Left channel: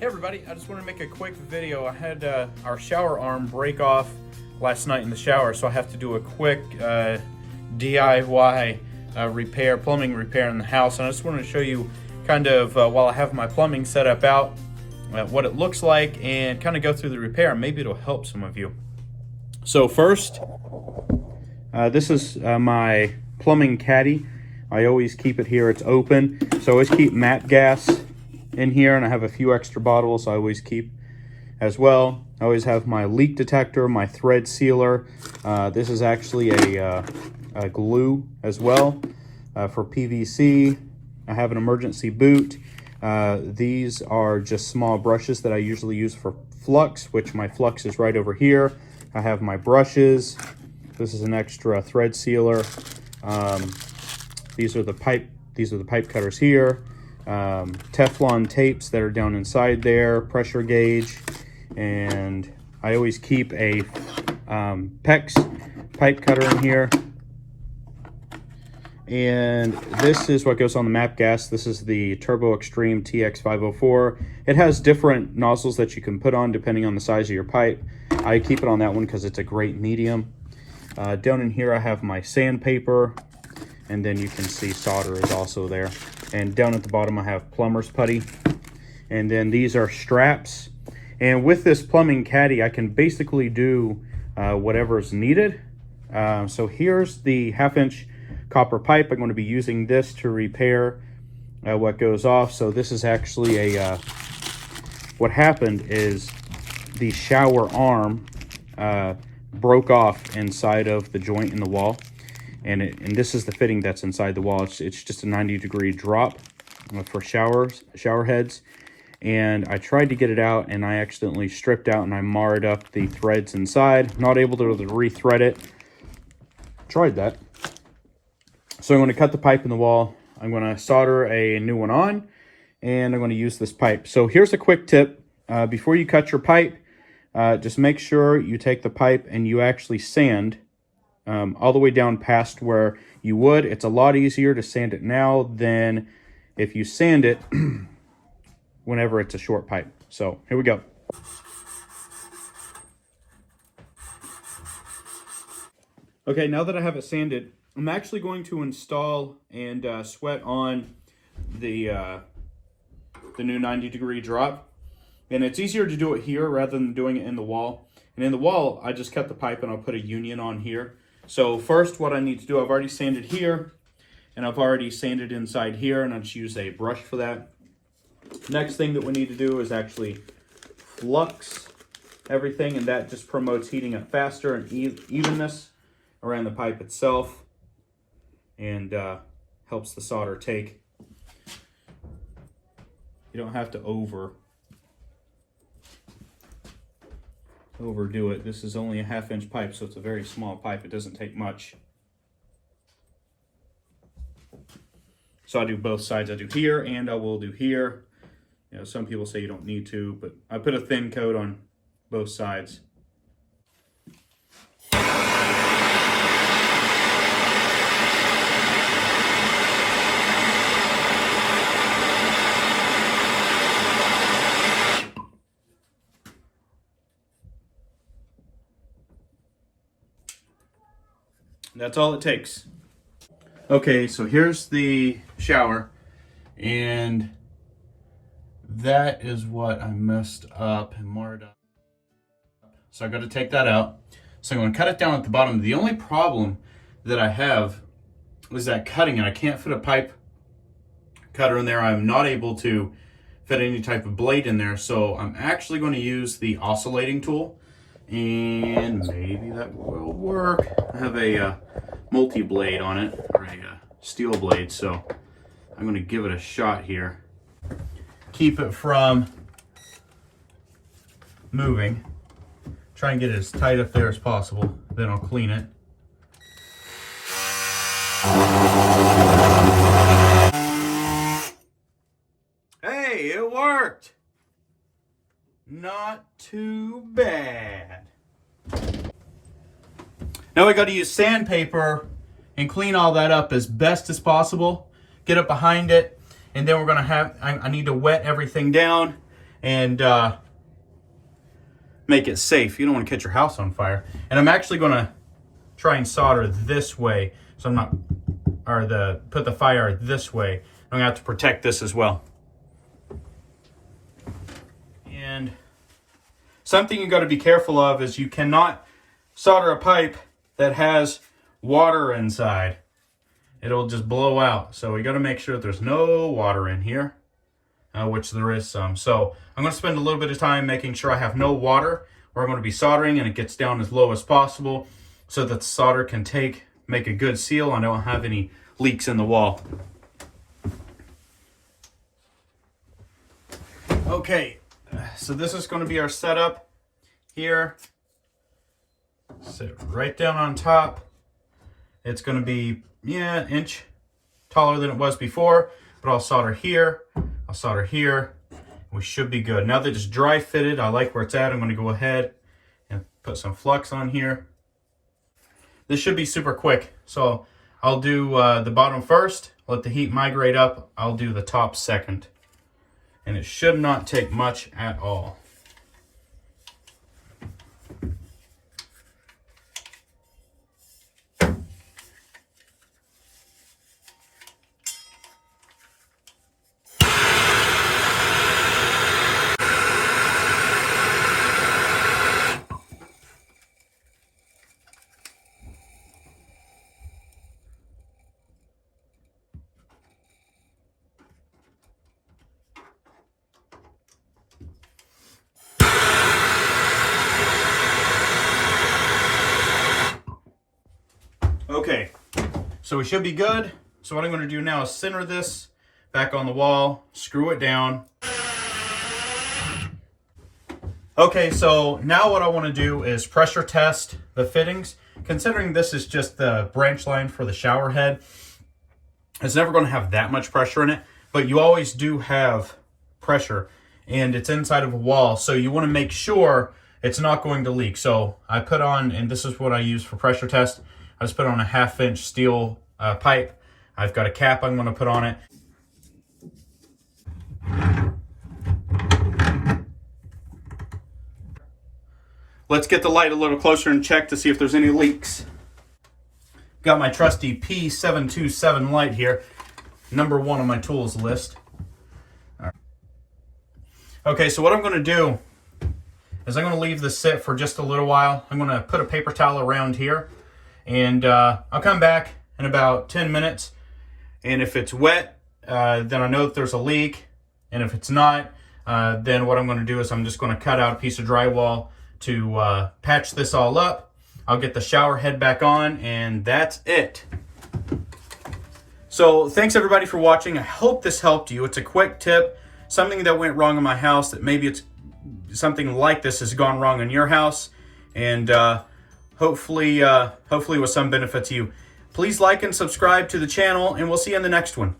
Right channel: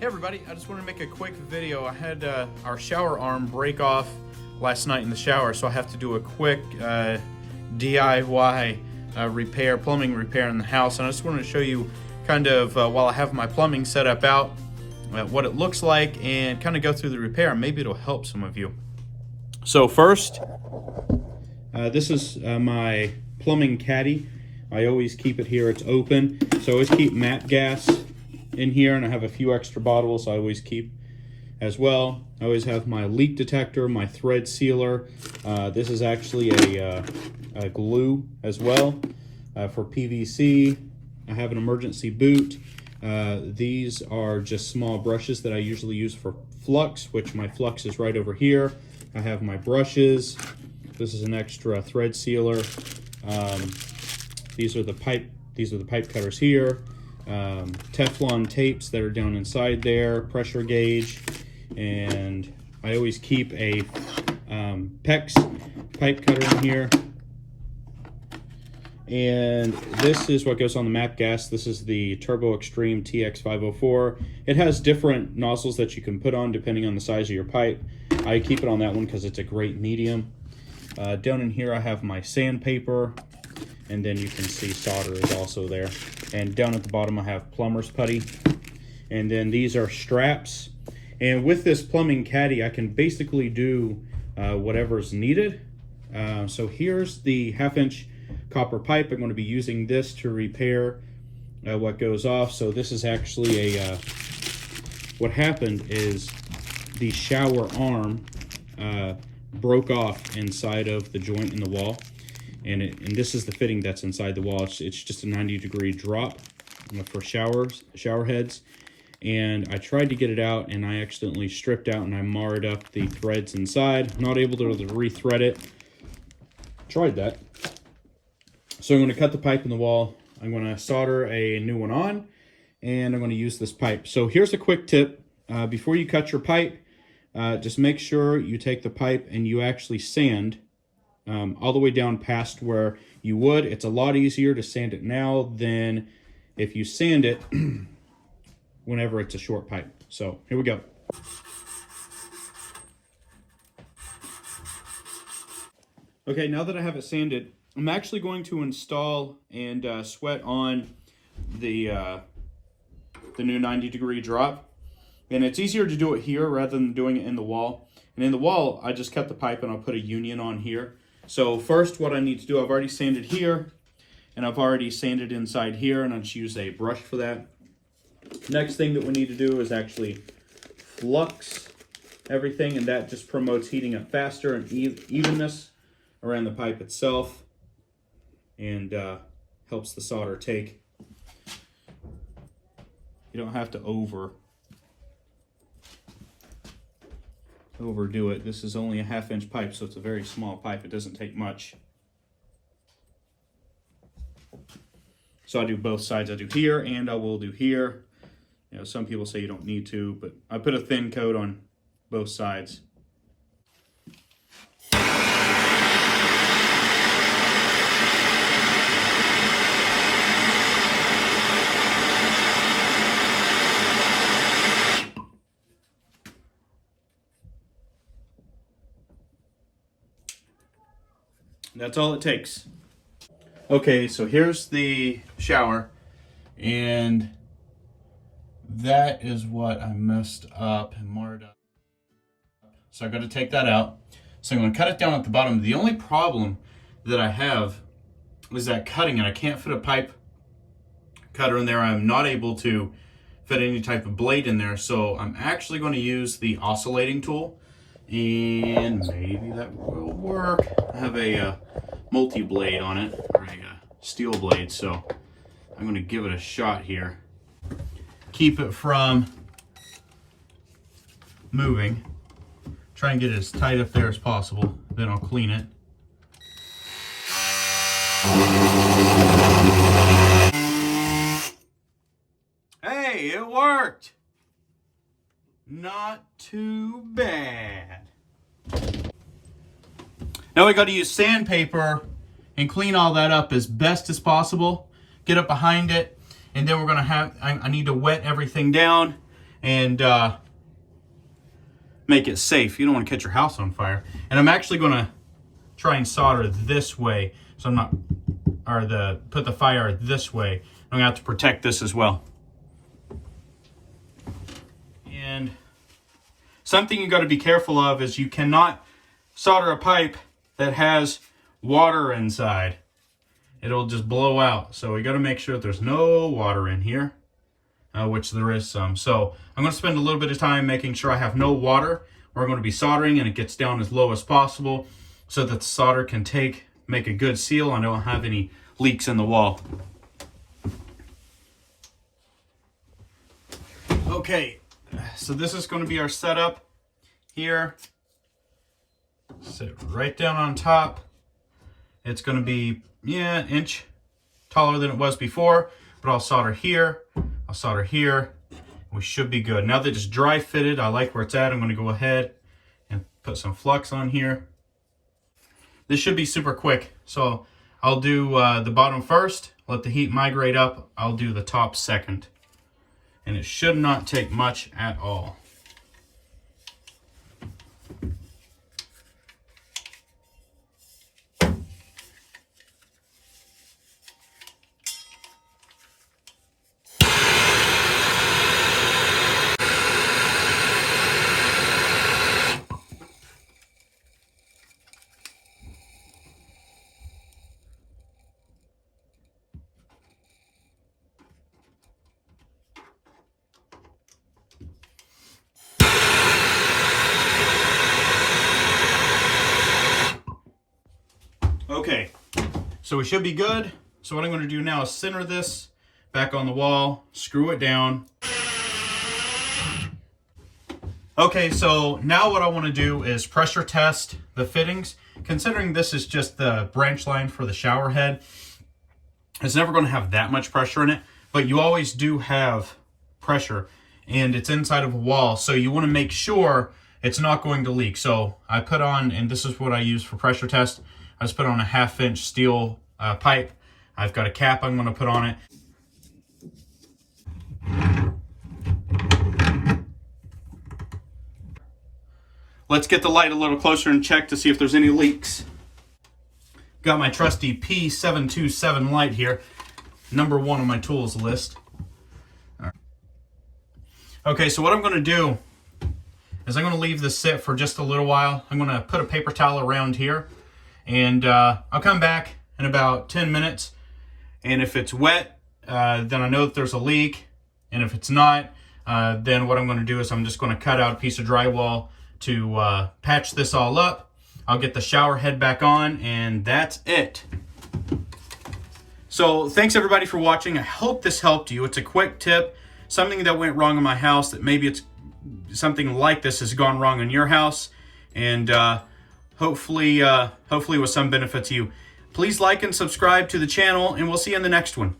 Hey everybody, I just want to make a quick video. I had our shower arm break off last night in the shower, so I have to do a quick DIY repair, plumbing repair in the house. And I just wanted to show you kind of, while I have my plumbing set up out, what it looks like and kind of go through the repair, and maybe it'll help some of you. So first, this is my plumbing caddy. I always keep it here, it's open. So I always keep MAPP gas in here, and I have a few extra bottles I always keep as well. I always have my leak detector, my thread sealer. This is actually a glue as well for PVC. I have an emergency boot. These are just small brushes that I usually use for flux, which my flux is right over here. I have my brushes. This is an extra thread sealer. These are the pipe cutters here. Teflon tapes that are down inside there, pressure gauge, and I always keep a PEX pipe cutter in here. And this is what goes on the MAPP gas. This is the Turbo Extreme TX504. It has different nozzles that you can put on depending on the size of your pipe. I keep it on that one because it's a great medium. Down in here I have my sandpaper, and then you can see solder is also there. And down at the bottom I have plumber's putty. And then these are straps. And with this plumbing caddy, I can basically do whatever's needed. So here's the 1/2-inch copper pipe. I'm going to be using this to repair what goes off. So this is actually a, what happened is the shower arm broke off inside of the joint in the wall. And this is the fitting that's inside the wall. It's just a 90-degree drop for shower heads. And I tried to get it out, and I accidentally stripped out and I marred up the threads inside. Not able to re-thread it. Tried that. So I'm going to cut the pipe in the wall. I'm going to solder a new one on, and I'm going to use this pipe. So here's a quick tip. Before you cut your pipe, just make sure you take the pipe and you actually sand all the way down past where you would. It's a lot easier to sand it now than if you sand it whenever it's a short pipe. So here we go. Okay, now that I have it sanded, I'm actually going to install and sweat on the new 90-degree drop. And it's easier to do it here rather than doing it in the wall. And in the wall, I just cut the pipe and I'll put a union on here. So first, what I need to do, I've already sanded here, and I've already sanded inside here, and I just use a brush for that. Next thing that we need to do is actually flux everything, and that just promotes heating up faster and evenness around the pipe itself, and helps the solder take. You don't have to overdo it. This is only a 1/2-inch pipe, so it's a very small pipe. It doesn't take much. So I do both sides. I do here and I will do here. You know, some people say you don't need to, but I put a thin coat on both sides. That's all it takes. Okay, so here's the shower, and that is what I messed up and marred up. So I got to take that out. So I'm going to cut it down at the bottom. The only problem that I have is that cutting it. I can't fit a pipe cutter in there. I'm not able to fit any type of blade in there. So I'm actually going to use the oscillating tool, and maybe that will work. I have a multi-blade on it, or a steel blade, so I'm going to give it a shot here. Keep it from moving. Try and get it as tight up there as possible. Then I'll clean it. Hey, it worked! Not too bad. Now we got to use sandpaper and clean all that up as best as possible. Get up behind it, and then we're going to have, I need to wet everything down and make it safe. You don't want to catch your house on fire. And I'm actually going to try and solder this way, so I'm not, or put the fire this way. I'm gonna have to protect this as well. And something you got to be careful of is you cannot solder a pipe that has water inside. It'll just blow out. So we got to make sure that there's no water in here, which there is some. So I'm going to spend a little bit of time making sure I have no water where I'm going to be soldering, and it gets down as low as possible so that the solder can make a good seal and I don't have any leaks in the wall. Okay, so this is going to be our setup here. Sit right down on top. It's going to be, an inch taller than it was before, but I'll solder here, I'll solder here. We should be good. Now that it's dry fitted, I like where it's at. I'm going to go ahead and put some flux on here. This should be super quick. So I'll do the bottom first, let the heat migrate up. I'll do the top second. And it should not take much at all. Okay, so we should be good. So what I'm going to do now is center this back on the wall, screw it down. Okay, so now what I want to do is pressure test the fittings. Considering this is just the branch line for the shower head, it's never going to have that much pressure in it, but you always do have pressure, and it's inside of a wall, so you want to make sure it's not going to leak. So I put on, and this is what I use for pressure test, I just put on a 1/2-inch steel pipe. I've got a cap I'm going to put on it. Let's get the light a little closer and check to see if there's any leaks. Got my trusty P727 light here, number 1 on my tools list. Okay, so what I'm going to do is I'm going to leave this sit for just a little while. I'm going to put a paper towel around here, and I'll come back in about 10 minutes. And if it's wet, then I know that there's a leak. And if it's not, then what I'm going to do is I'm just going to cut out a piece of drywall to patch this all up. I'll get the shower head back on, and that's it. So thanks everybody for watching. I hope this helped you. It's a quick tip, something that went wrong in my house, that maybe it's something like this has gone wrong in your house, and hopefully with some benefit to you. Please like and subscribe to the channel, and we'll see you in the next one.